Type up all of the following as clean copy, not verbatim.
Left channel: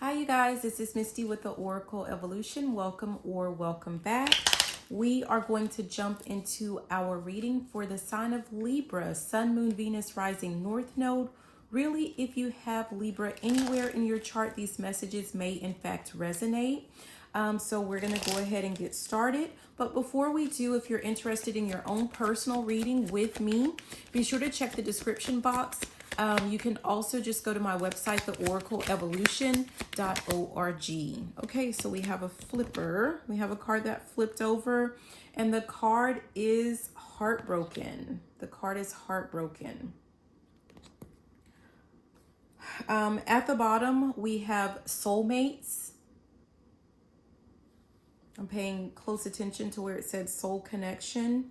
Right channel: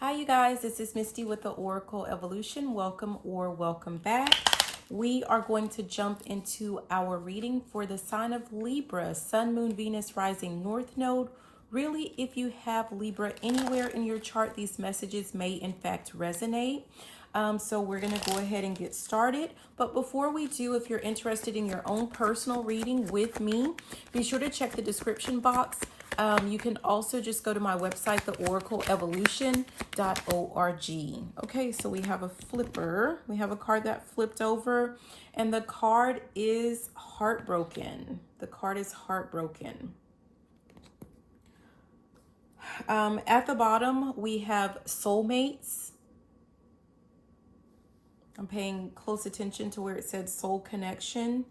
Hi, you guys. This is Misty with the Oracle Evolution. Welcome or welcome back. We are going to jump into our reading for the sign of Libra, Sun, Moon, Venus, Rising, North Node. Really, if you have Libra anywhere in your chart, these messages may in fact resonate. So we're going to go ahead and get started. But before we do, if you're interested in your own personal reading with me, be sure to check the description box. You can also just go to my website, theoracleevolution.org. Okay, so we have a flipper. We have a card that flipped over, and the card is heartbroken. The card is heartbroken. At the bottom, we have soulmates. I'm paying close attention to where it said soul connection.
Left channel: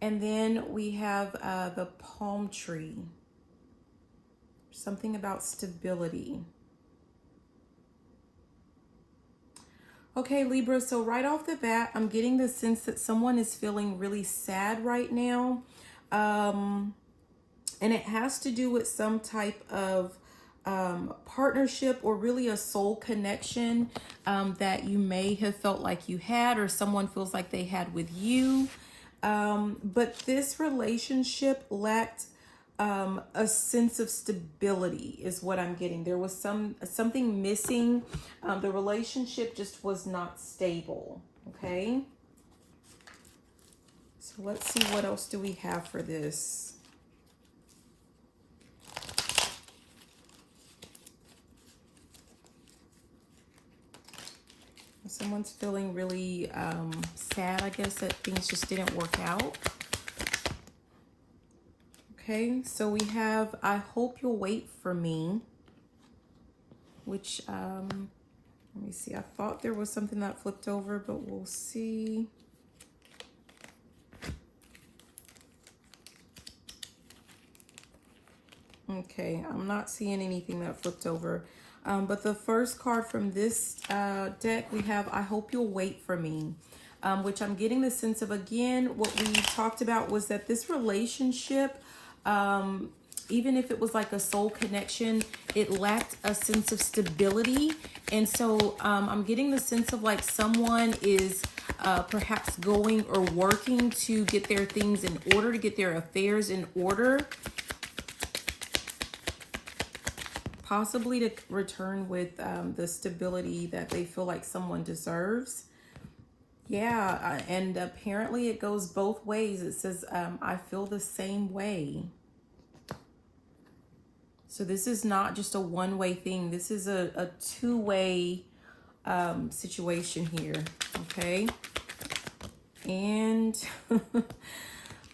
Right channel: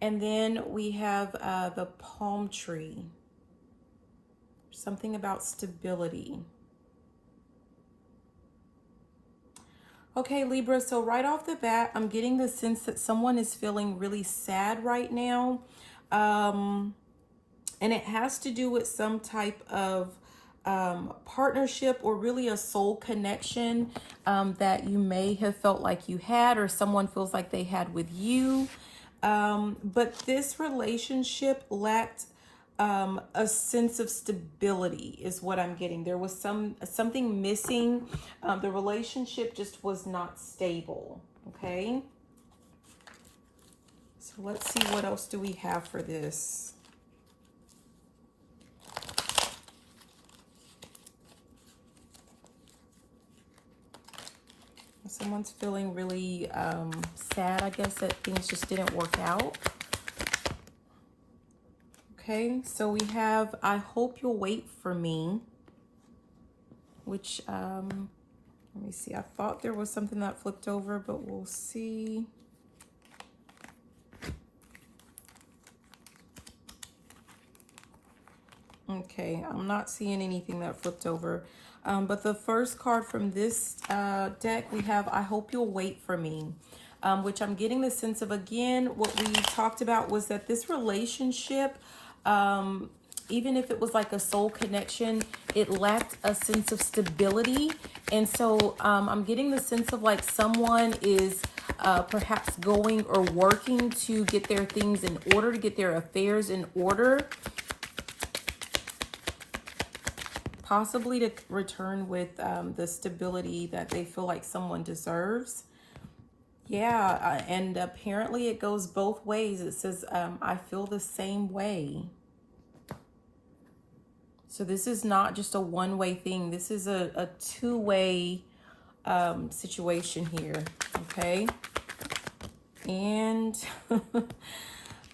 And then we have the palm tree. Something about stability. Okay, Libra, so right off the bat, I'm getting the sense that someone is feeling really sad right now. And it has to do with some type of partnership or really a soul connection that you may have felt like you had, or someone feels like they had with you. But this relationship lacked a sense of stability is what I'm getting. There was something missing. The relationship just was not stable. Okay. So let's see, what else do we have for this? Someone's feeling really sad, I guess, that things just didn't work out. Okay, so we have, I hope you'll wait for me, which, let me see. I thought there was something that flipped over, but we'll see. Okay, I'm not seeing anything that flipped over. But the first card from this deck, we have, I hope you'll wait for me, which I'm getting the sense of, again, what we talked about was that this relationship, even if it was like a soul connection, it lacked a sense of stability. And so I'm getting the sense of like someone is perhaps going or working to get their things in order, to get their affairs in order, possibly to return with the stability that they feel like someone deserves. Yeah, and apparently it goes both ways. It says, I feel the same way. So this is not just a one-way thing. This is a two-way situation here, okay? And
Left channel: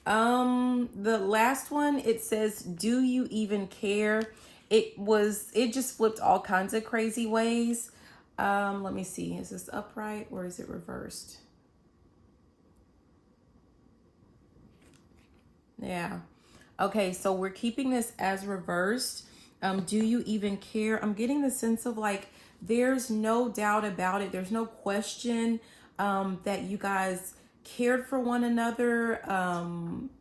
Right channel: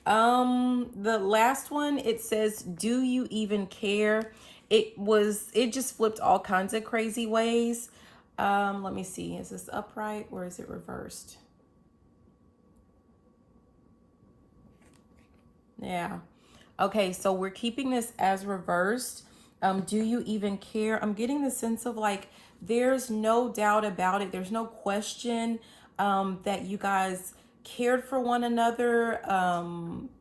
the last one, it says, do you even care? It just flipped all kinds of crazy ways. Let me see. Is this upright or is it reversed? Yeah. Okay, so we're keeping this as reversed. Do you even care? I'm getting the sense of like, there's no doubt about it. There's no question that you guys cared for one another,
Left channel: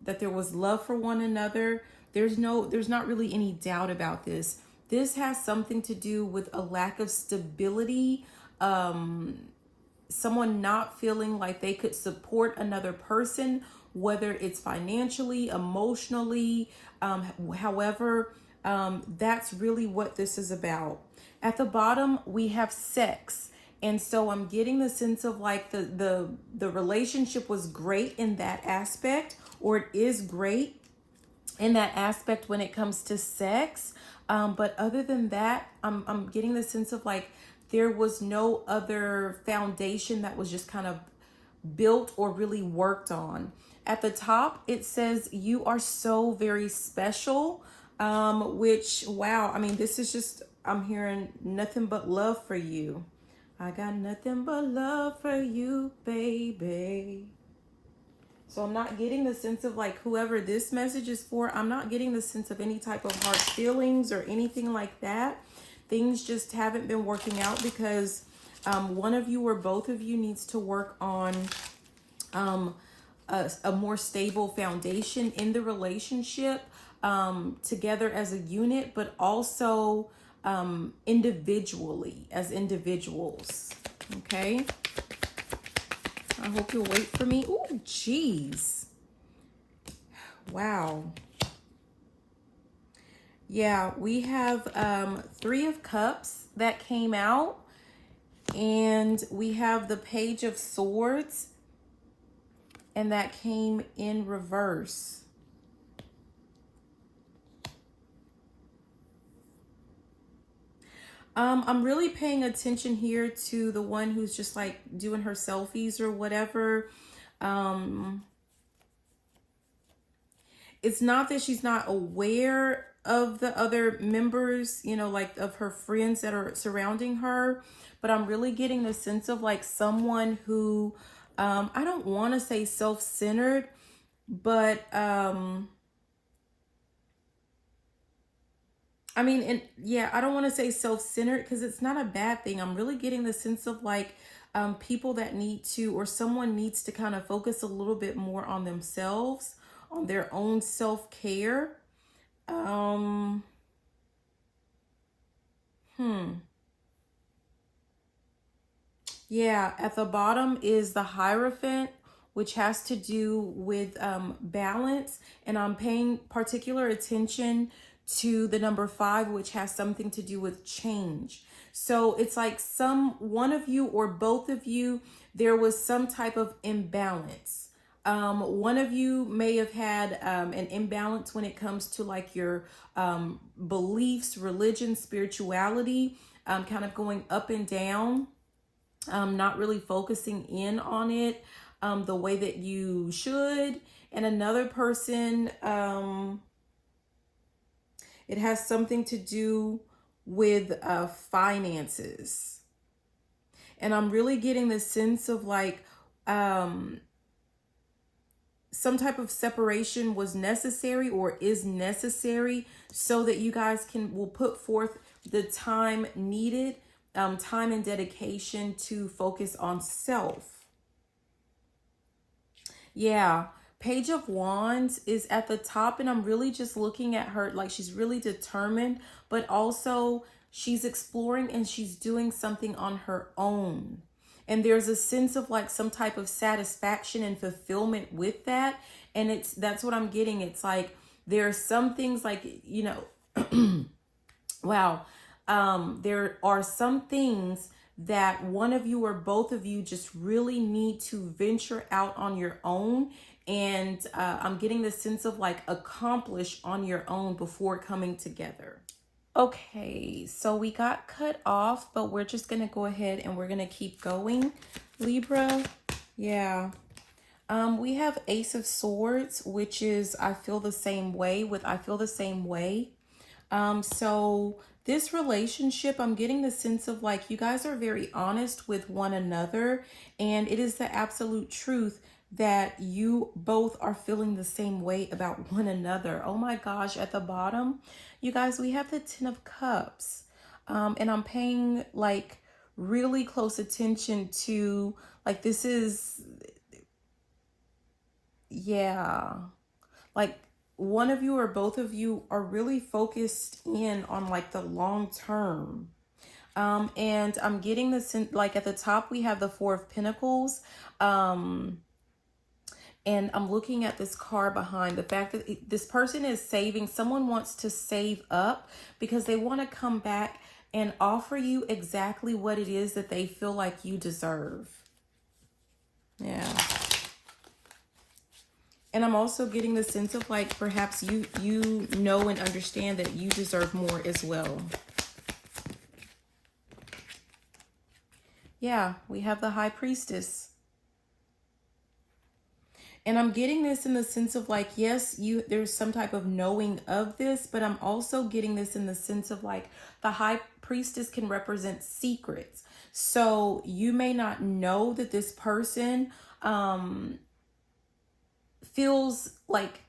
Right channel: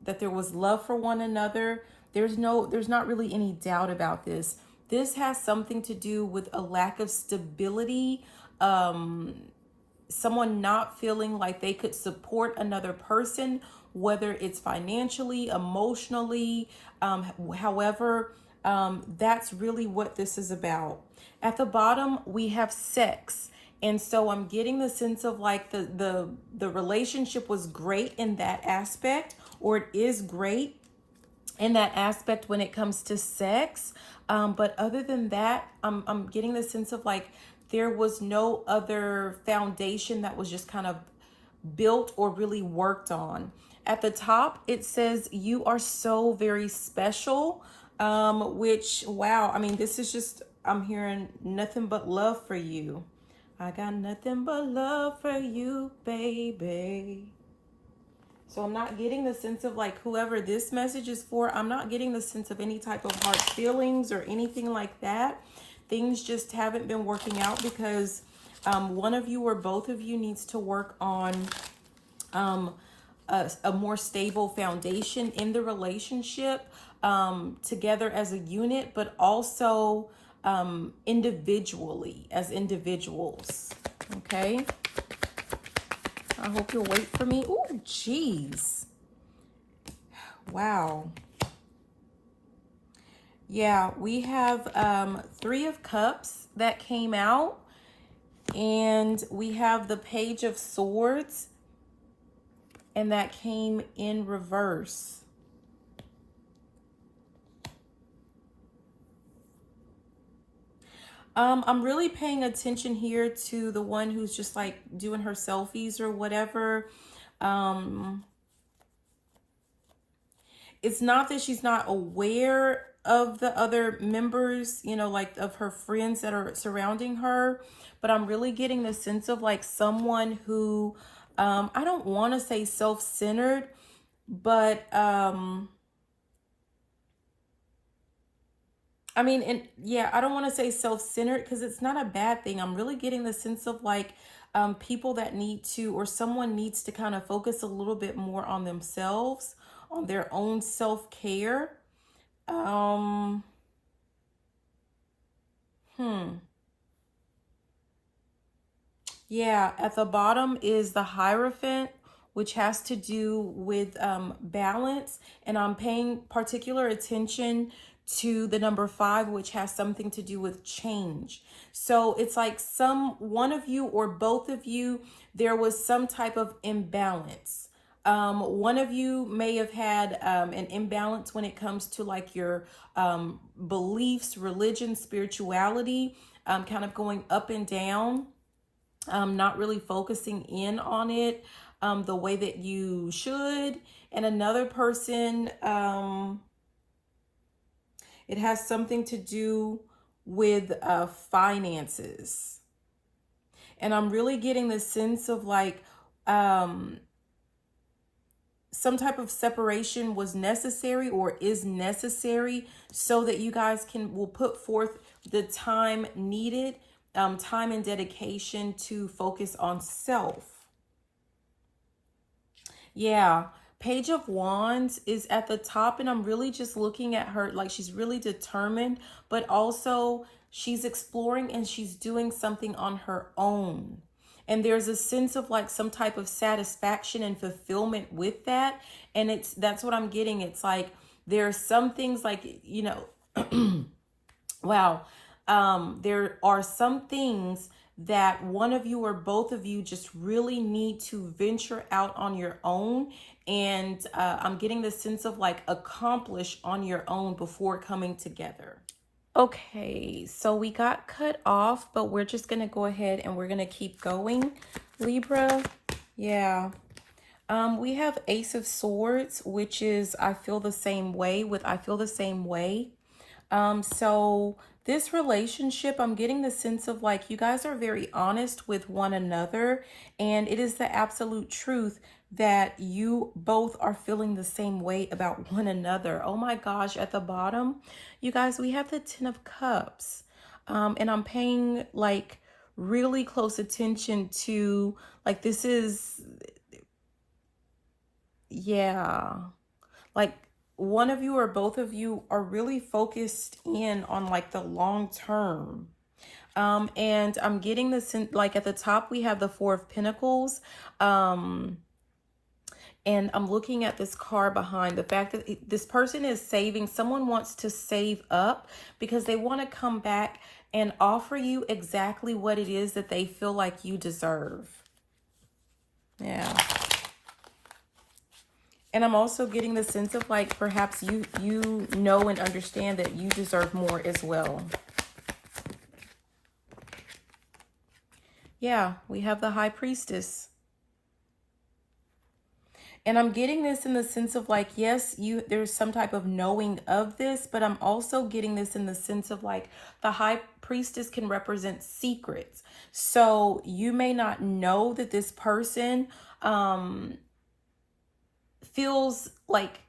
that there was love for one another. There's not really any doubt about this. This has something to do with a lack of stability, someone not feeling like they could support another person, whether it's financially, emotionally, however, that's really what this is about. At the bottom, we have sex. And so I'm getting the sense of like the relationship was great in that aspect, or it is great in that aspect when it comes to sex. But other than that, I'm getting the sense of like there was no other foundation that was just kind of built or really worked on. At the top, it says, you are so very special, which, wow, I mean, this is just, I'm hearing nothing but love for you. I got nothing but love for you, baby. So I'm not getting the sense of like whoever this message is for, I'm not getting the sense of any type of hard feelings or anything like that. Things just haven't been working out because one of you or both of you needs to work on a more stable foundation in the relationship, together as a unit, but also individually, as individuals. Okay. I hope you'll wait for me. Oh, geez. Wow. Yeah, we have Three of Cups that came out. And we have the Page of Swords. And that came in reverse. I'm really paying attention here to the one who's just like doing her selfies or whatever. It's not that she's not aware of the other members, you know, like of her friends that are surrounding her, but I'm really getting the sense of like someone who, I don't want to say self-centered, but, I mean, and yeah, I don't want to say self-centered because it's not a bad thing. I'm really getting the sense of like people that need to, or someone needs to kind of focus a little bit more on themselves, on their own self-care. Yeah, at the bottom is the Hierophant, which has to do with balance. And I'm paying particular attention to the number 5, which has something to do with change. So it's like one of you or both of you, there was some type of imbalance. One of you may have had an imbalance when it comes to like your beliefs, religion, spirituality, kind of going up and down. Not really focusing in on it the way that you should. And another person, it has something to do with finances. And I'm really getting the sense of like some type of separation was necessary or is necessary so that you guys will put forth the time needed, time and dedication to focus on self. Yeah, Page of Wands is at the top, and I'm really just looking at her like she's really determined, but also she's exploring and she's doing something on her own. And there's a sense of like some type of satisfaction and fulfillment with that. And that's what I'm getting. It's like there's some things like, you know, wow. There are some things that one of you or both of you just really need to venture out on your own. And I'm getting the sense of like accomplish on your own before coming together. Okay, so we got cut off, but we're just going to go ahead and we're going to keep going, Libra. Yeah. We have Ace of Swords, which is I feel the same way with I feel the same way. So this relationship, I'm getting the sense of like you guys are very honest with one another, and it is the absolute truth that you both are feeling the same way about one another. Oh my gosh, at the bottom, you guys, we have the 10 of Cups. And I'm paying like really close attention to like this is, yeah, like one of you or both of you are really focused in on like the long term. And I'm getting this in, like at the top, we have the 4 of Pentacles. And I'm looking at this card behind the fact that this person is saving. Someone wants to save up because they want to come back and offer you exactly what it is that they feel like you deserve. Yeah. And I'm also getting the sense of like perhaps you know and understand that you deserve more as well. Yeah, we have the High Priestess. And I'm getting this in the sense of like, yes, there's some type of knowing of this, but I'm also getting this in the sense of like the High Priestess can represent secrets. So you may not know that this person feels like,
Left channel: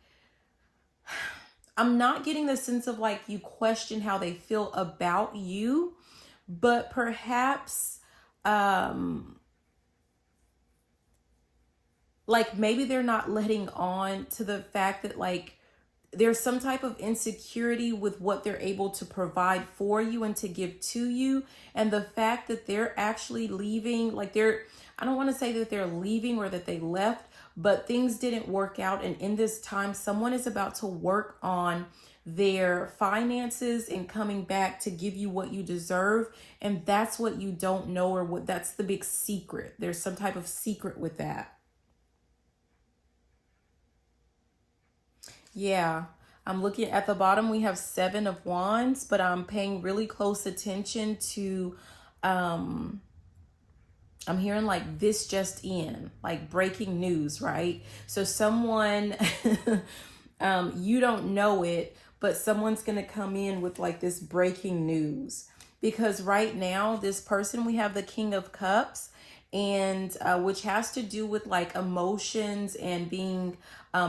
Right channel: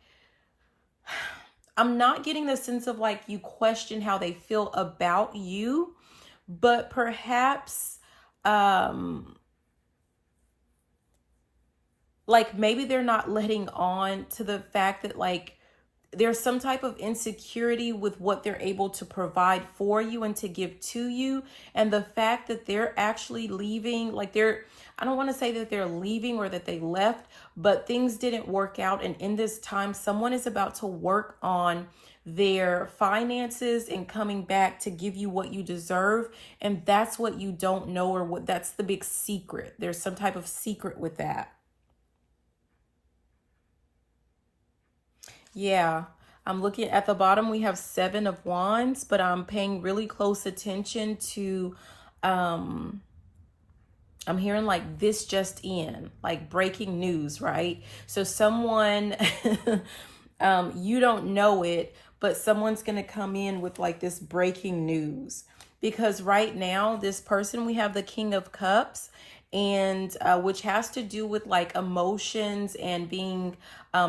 I'm not getting the sense of like you question how they feel about you, but perhaps like maybe they're not letting on to the fact that like there's some type of insecurity with what they're able to provide for you and to give to you. And the fact that they're actually leaving, like I don't want to say that they're leaving or that they left, but things didn't work out. And in this time, someone is about to work on their finances and coming back to give you what you deserve. And that's what you don't know, or what that's the big secret. There's some type of secret with that. Yeah, I'm looking at the bottom. We have 7 of Wands, but I'm paying really close attention to, I'm hearing like this just in, like breaking news, right? So someone, you don't know it, but someone's going to come in with like this breaking news. Because right now, this person, we have the King of Cups, and which has to do with like emotions and being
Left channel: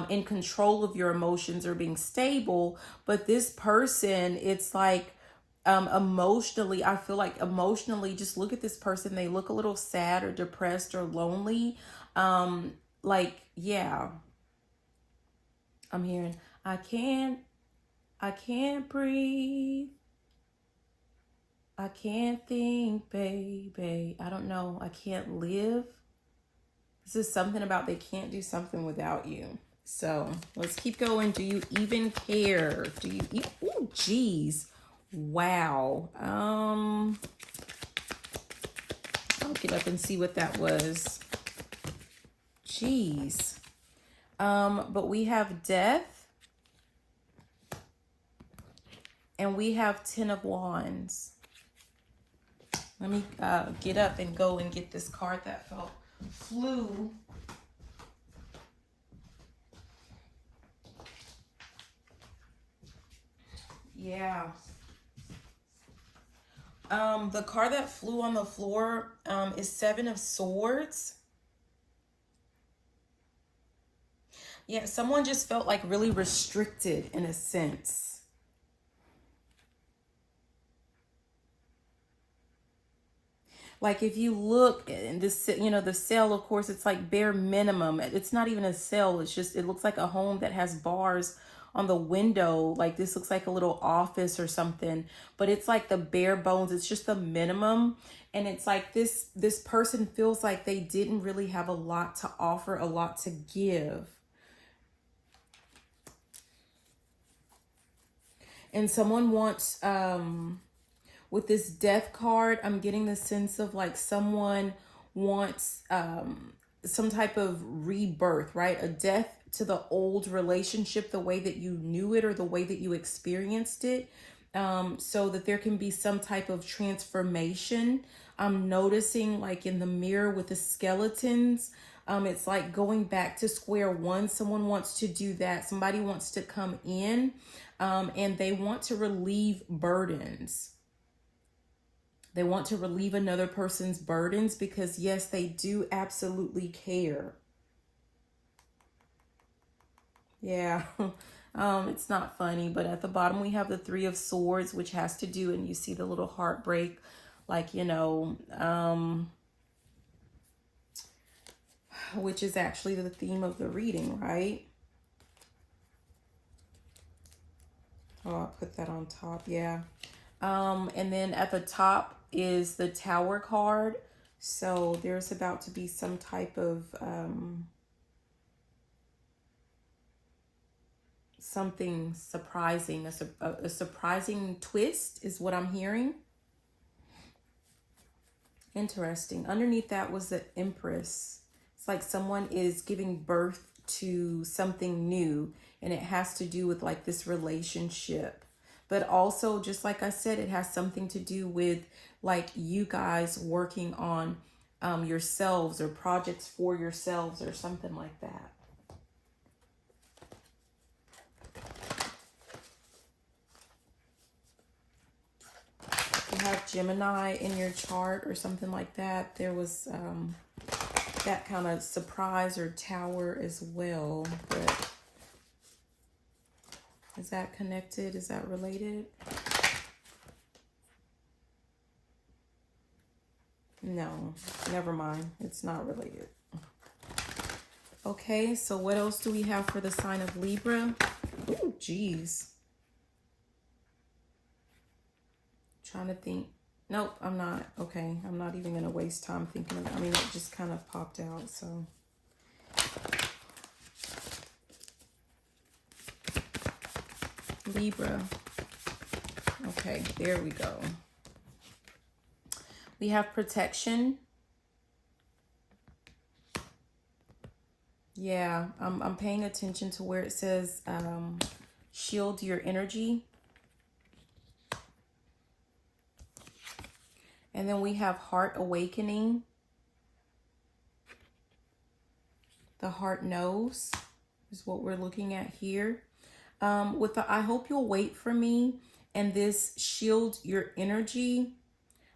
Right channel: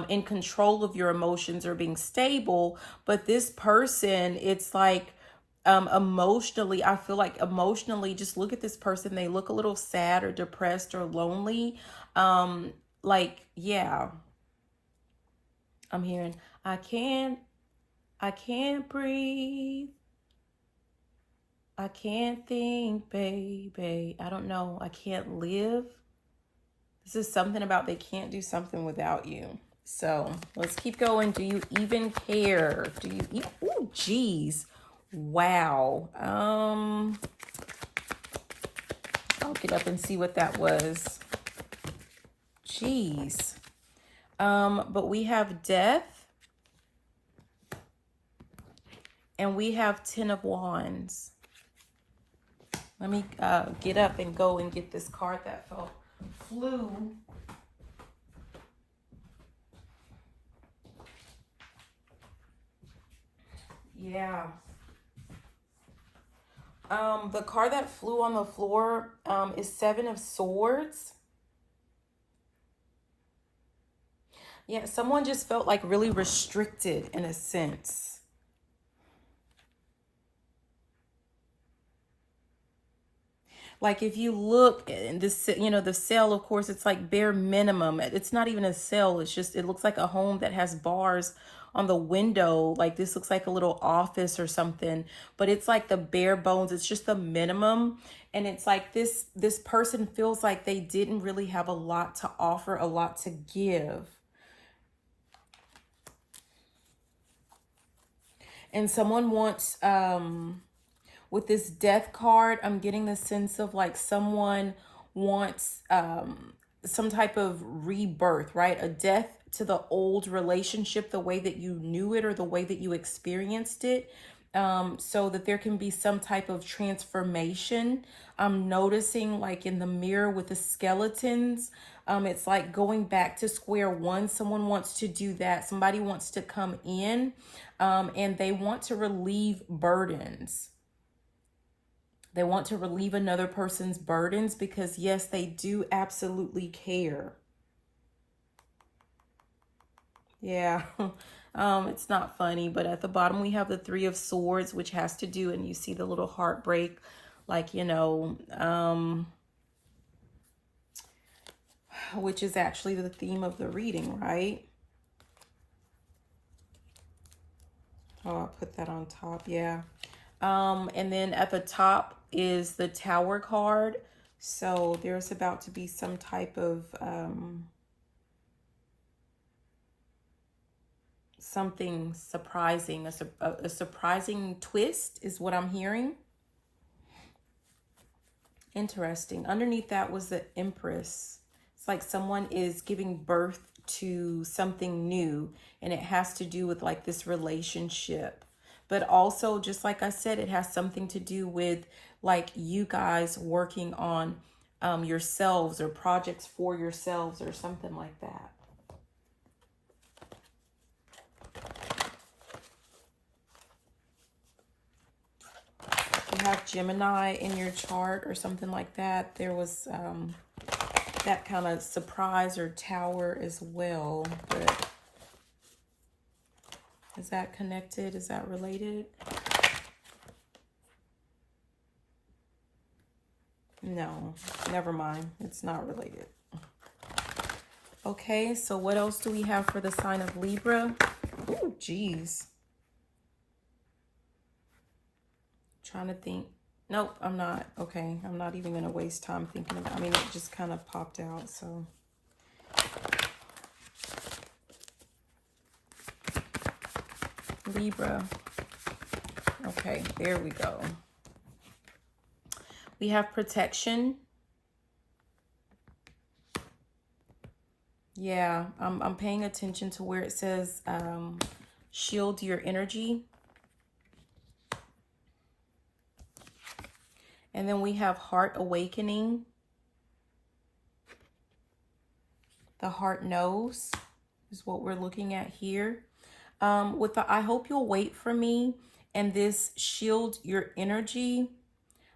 in control of your emotions or being stable. But this person, it's like emotionally, I feel like emotionally, just look at this person. They look a little sad or depressed or lonely. Like, yeah, I'm hearing, I can't breathe. I can't think, baby. I don't know. I can't live. This is something about they can't do something without you. So let's keep going. Do you even care? Do you? Oh, geez. Wow. I'll get up and see what that was. Jeez. But we have death. And we have 10 of Wands. Let me get up and go and get this card that flew. Yeah. The card that flew on the floor is 7 of Swords. Yeah, someone just felt like really restricted in a sense. Like if you look in this, you know, the cell, of course, it's like bare minimum. It's not even a cell. It's just, it looks like a home that has bars on the window. Like this looks like a little office or something, but it's like the bare bones. It's just the minimum. And it's like this person feels like they didn't really have a lot to offer, a lot to give. And someone wants, with this death card, I'm getting the sense of like someone wants some type of rebirth, right? A death to the old relationship, the way that you knew it or the way that you experienced it, so that there can be some type of transformation. I'm noticing like in the mirror with the skeletons, it's like going back to square one. Someone wants to do that. Somebody wants to come in and they want to relieve burdens. They want to relieve another person's burdens because, yes, they do absolutely care. Yeah, it's not funny, but at the bottom we have the 3 of Swords, which has to do, and you see the little heartbreak, like, you know, which is actually the theme of the reading, right? Oh, I'll put that on top, yeah. And then at the top is the Tower card. So there's about to be some type of something surprising, a surprising twist is what I'm hearing. Interesting. Underneath that was the Empress. It's like someone is giving birth to something new, and it has to do with like this relationship. But also, just like I said, it has something to do with like you guys working on yourselves or projects for yourselves or something like that. If you have Gemini in your chart or something like that, there was that kind of surprise or tower as well. But is that connected? Is that related? No, never mind. It's not related. Okay, so what else do we have for the sign of Libra? Oh, geez. Trying to think. Nope, I'm not. Okay, I'm not even going to waste time thinking about it. I mean, it just kind of popped out, so. Libra. Okay, there we go. We have protection. Yeah, I'm paying attention to where it says shield your energy. And then we have heart awakening. The heart knows is what we're looking at here. With the I hope you'll wait for me and this shield your energy,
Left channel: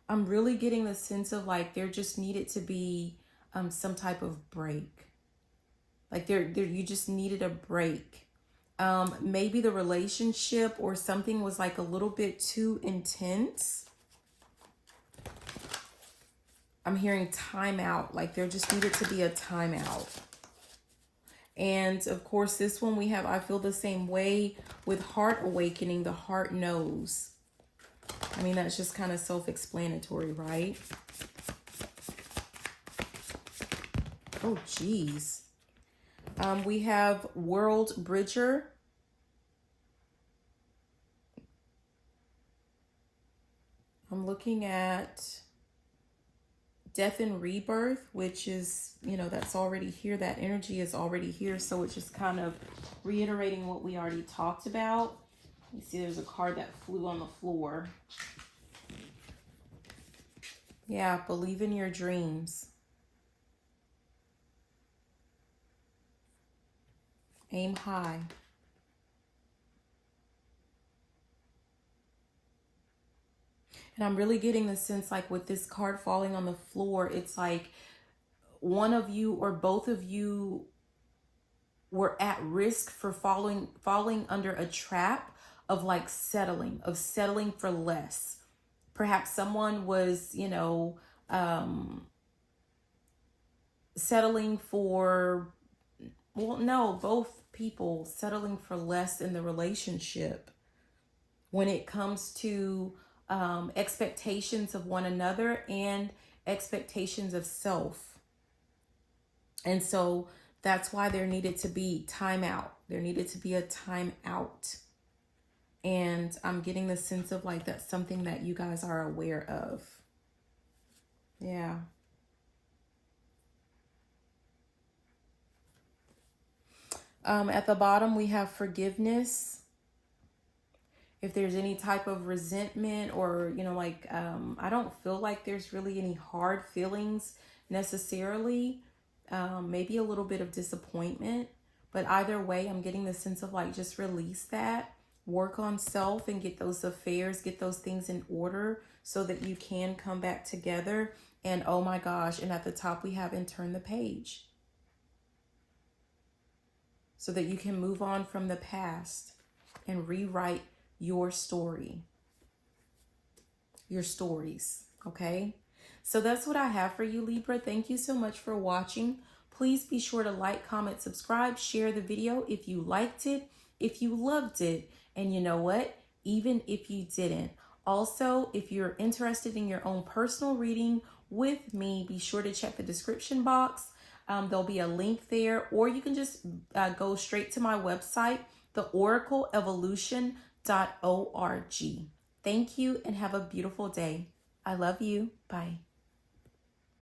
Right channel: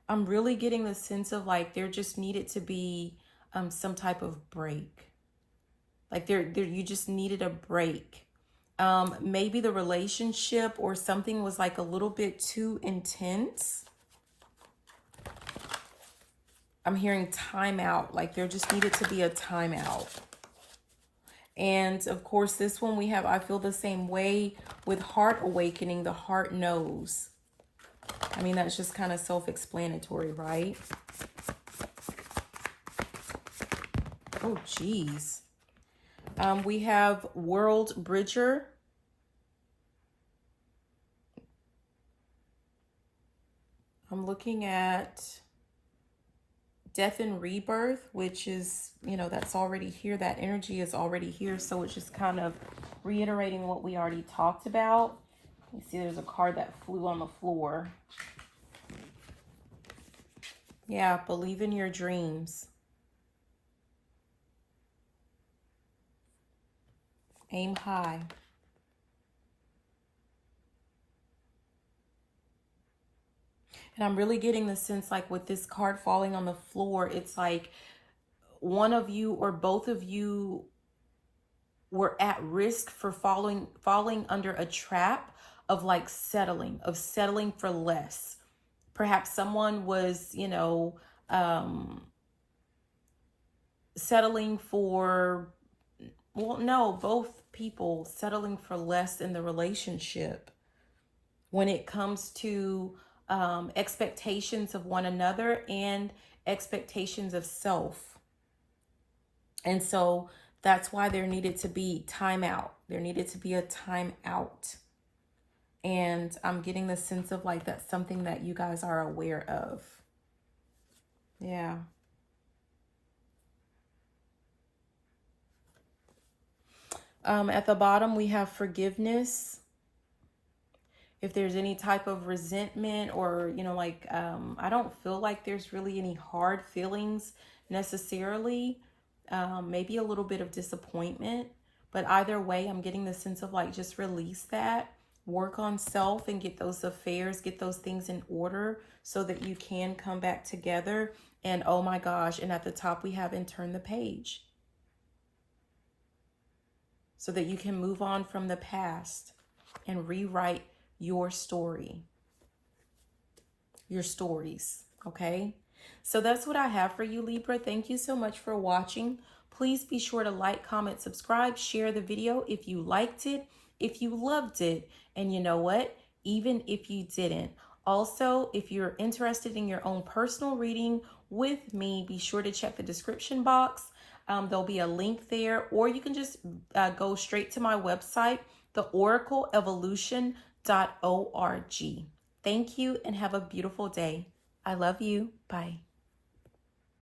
I'm really getting the sense of like there just needed to be some type of break. Like you just needed a break. Maybe the relationship or something was like a little bit too intense. I'm hearing timeout, like there just needed to be a timeout. And of course, this one we have, I feel the same way with heart awakening, the heart knows. I mean, that's just kind of self-explanatory, right? Oh, geez. We have World Bridger. I'm looking at Death and Rebirth, which is, you know, that's already here. That energy is already here. So it's just kind of reiterating what we already talked about. You see there's a card that flew on the floor. Yeah, believe in your dreams. Aim high. And I'm really getting the sense like with this card falling on the floor, it's like one of you or both of you were at risk for falling under a trap of like settling for less. Perhaps someone was, you know, settling for, well, no, both people settling for less in the relationship when it comes to expectations of one another and expectations of self. And so that's why there needed to be time out. There needed to be a time out. And I'm getting the sense of like that's something that you guys are aware of. Yeah. At the bottom, we have forgiveness. If there's any type of resentment or, you know, like, I don't feel like there's really any hard feelings necessarily. Maybe a little bit of disappointment, but either way, I'm getting the sense of like, just release that, work on self and get those affairs, get those things in order so that you can come back together. And oh my gosh. And at the top we have and turn the page so that you can move on from the past and rewrite your story, your stories. Okay. So that's what I have for you, Libra. Thank you so much for watching. Please be sure to like, comment, subscribe, share the video if you liked it, if you loved it, and you know what? Even if you didn't. Also, if you're interested in your own personal reading with me, be sure to check the description box. There'll be a link there, or you can just go straight to my website, theoracleevolution.org. Thank you and have a beautiful day. I love you. Bye.